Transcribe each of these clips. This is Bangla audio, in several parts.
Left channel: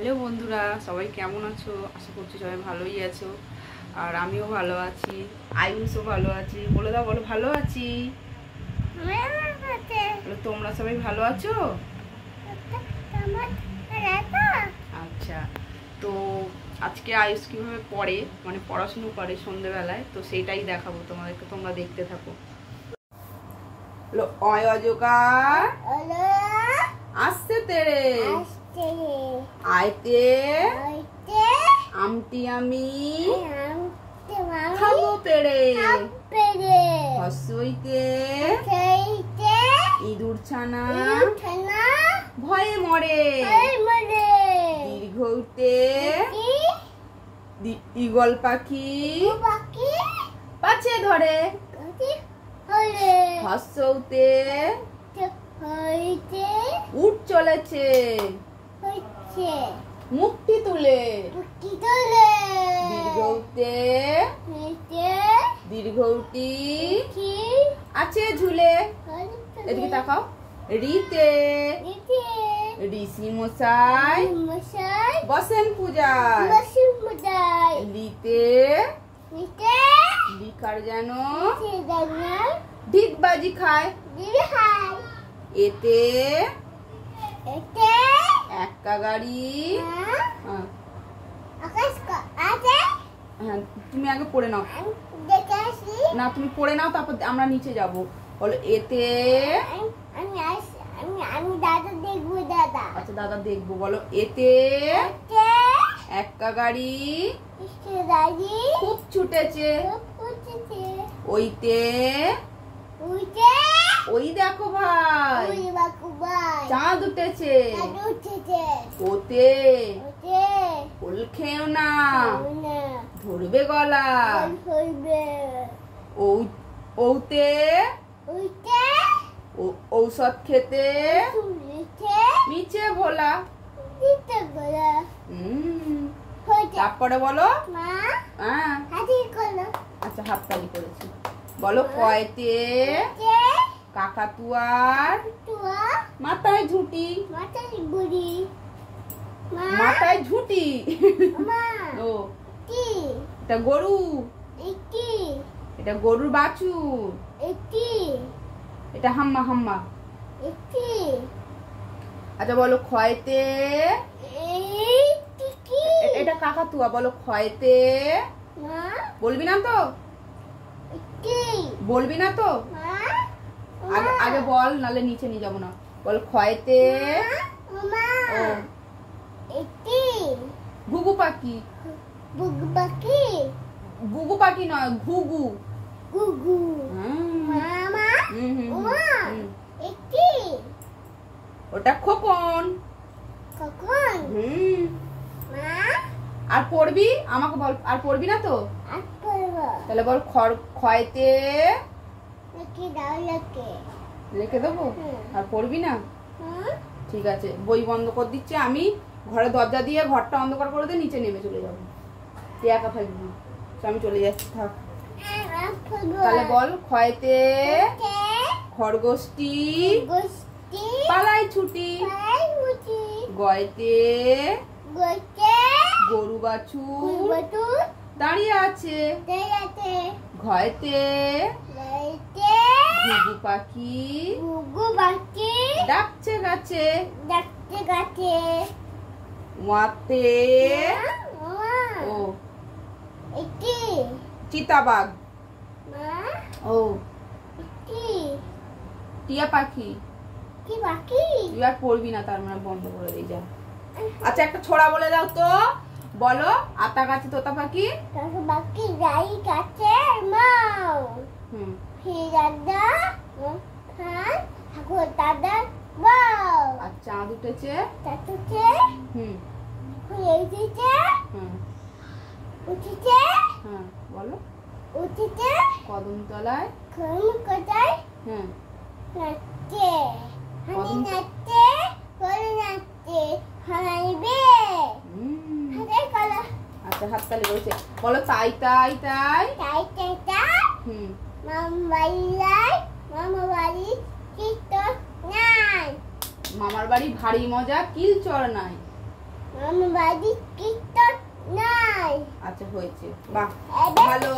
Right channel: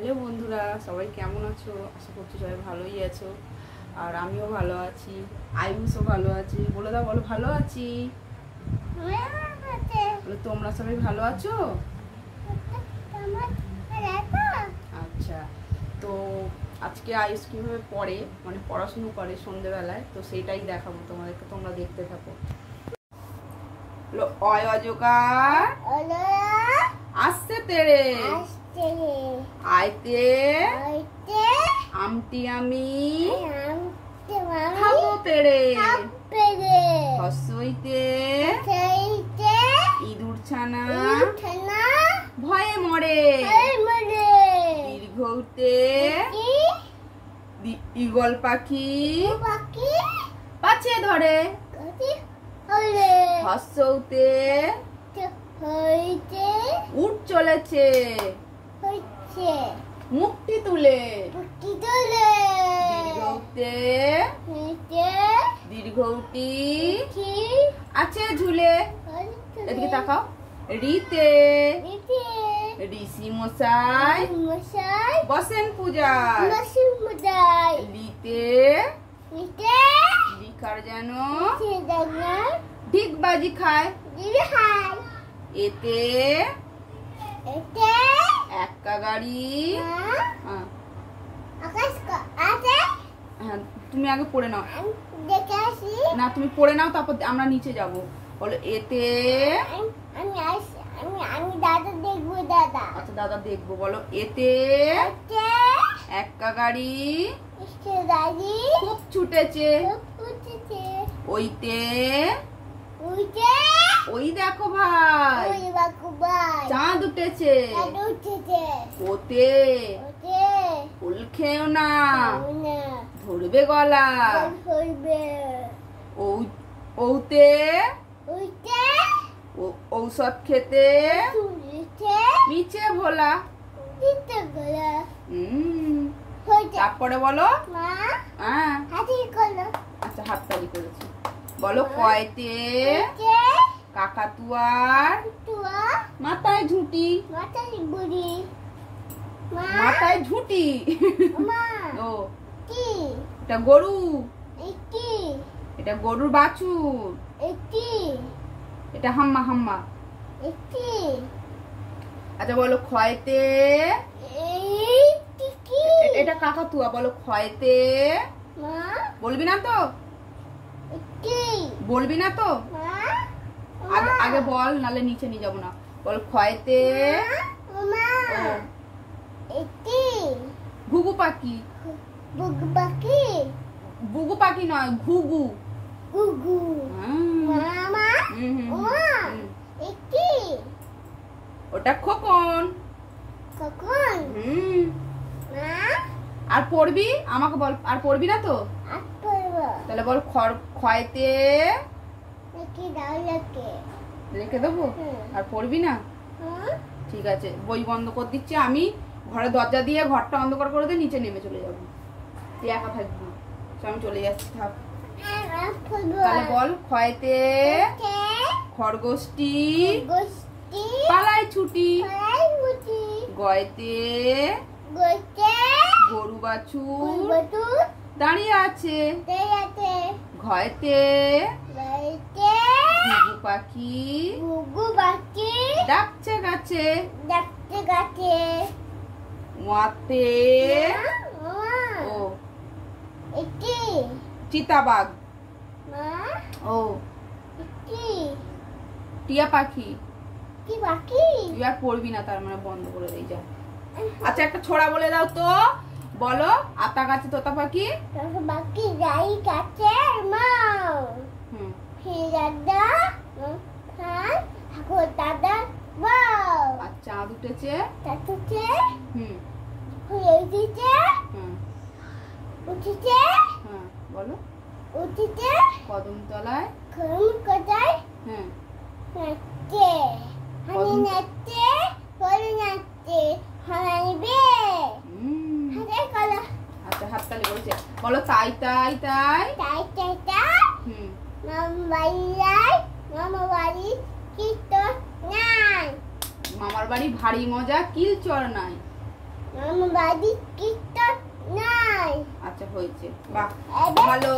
হ্যালো বন্ধুরা, সবাই কেমন আছো? আশা করছি সবাই ভালোই আছো। আর আমিও ভালো আছি, আয়ুষও ভালো আছি। বলে দাও, বলো ভালো আছি। তোমরা সবাই ভালো আছো? আচ্ছা, তো আজকে আয়ুষ কীভাবে পড়ে, মানে পড়াশুনো করে সন্ধ্যেবেলায়, তো সেইটাই দেখাবো তোমাদেরকে। তোমরা দেখতে থাকো। অয় অজকার আসছে তেরে আইতে আমটি আমি খাবো পেড়ে হসইতে ইঁদুর ছানা ভয়ে মরে দীর্ঘতে ঈগল পাখি পাছে ধরে হসৌতে উঠ চলেছে মুক্তি তুলে দীর্ঘতে দীর্ঘটি আছে ঝুলে। এদিকে তাকাও। রিতে ঋষি মশাই বসেন পূজায়। লিতে লিখার যেন ঢিকবাজি খায়। এতে একা গাড়ি। হ্যাঁ, তুমি আগে পড়ে নাও না, তুমি পড়ে নাও, তারপর আমরা নিচে যাব। বলো এতে আমি দাদা দেখবো। দাদা আচ্ছা, দাদা দেখবো। বলো এতে একা গাড়ি খুব ছুটেছে। ওইতে ওই দেখো ভাই চাঁদ উঠেছে। ওতে ফুল খেও না, ধরবে গলা। ওতে ঔষধ খেতে মিছে ভোলা। তারপরে বলো। আচ্ছা, হাততালি করেছি। বলো কয়তে কাকাতুয়ার মাথায় ঝুঁটি। মাথায় ঝুঁটি। ও এটা গরু, এটা গরুর বাছুর। এটা হাম্মা হাম্মা। আচ্ছা বলো ক্ষয়তে। এটা কাকাতুয়া। বলো ক্ষয়তে। বলবি না তো? বলবি না তো? আগে বল, নালে নিচে নিয়ে যাবো না। বল ক্ষয়তে ঘুঘু পাখি। বুগু পাখি নয়, ঘুঘু। ওটা খোকন। আর পড়বি? আমাকে বল, আর পড়বি না তো? তাহলে বল ক্ষয়তে রেখে দেবো। আর পড়বি না? ঠিক আছে, বই বন্ধ করে দিচ্ছি আমি। ঘরে দরজা দিয়ে ঘরটা অন্ধকার করে দিয়ে নিচে নেমে চলে যাবো। তুই একা থাকবি, আমি চলে যাচ্ছি, থাক। তাহলে বল ক্ষয়তে খরগোশটি পালাই ছুটি। গয়তে গরু বাছুর দাঁড়িয়ে আছে। ঘয়তে ঘুঘু পাখি ডাকছে গাছে। ওয়াতে ও চিতাবাঘ। ও টিয়া পাখি। তুই আর পড়বি না, তার মানে বন্ধ করে দিয়ে যা। আচ্ছা, একটা ছোড়া বলে দাও তো। বলো আতা গাছে তোতা পাখি। আর চাঁদ উঠেছে। হ্যাঁ বলো। কদমতলায় হ্যাঁ আচ্ছা, হাততালি করেছে। বলো তাই তাই তাই। মামার বাড়ি ভারী মজা, কিল চড় নাই। আমার বাড়ি টিকটক নাই। আচ্ছা হয়েছে, বাহ এবার ভালো।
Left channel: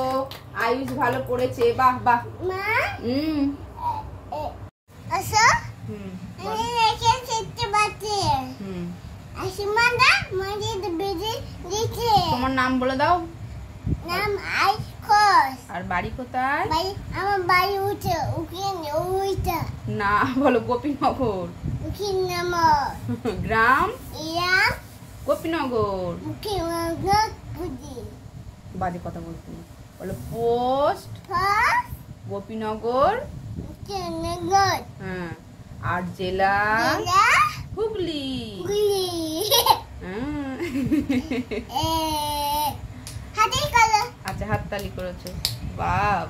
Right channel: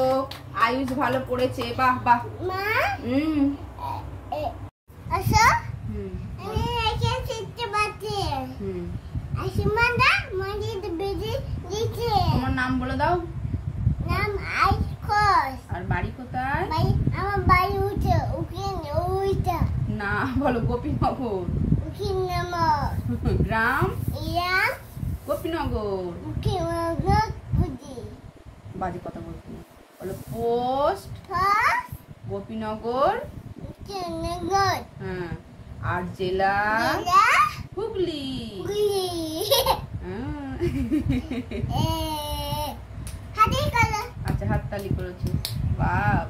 আয়ুষ ভালো পড়েছে, বাহ বাহ। মা হুম আসো হুম আমি রেখে শিখতে পারছি। হুম। আসমানটা মসজিদ বেজে দিচ্ছে। তোমার নাম বলে দাও। নাম আইসকস। আর বাড়ি কোথায়? বাড়ি আমার বাড়ি উঠে ওখানে ওইটা না বলো গোপীনগর। ওখানে নাম গ্রাম ইয়া গোপীনগর। ওকে বুঝি বাজে কথা বলতে না, বলো পোস্ট ফার্স্ট গোপীনগর। ওকে নগর হ্যাঁ, আর জেলা জেলা হুগলি। গুলি হুম। হাতে কলা আচ্ছা হাততালি করেছো, বাহ।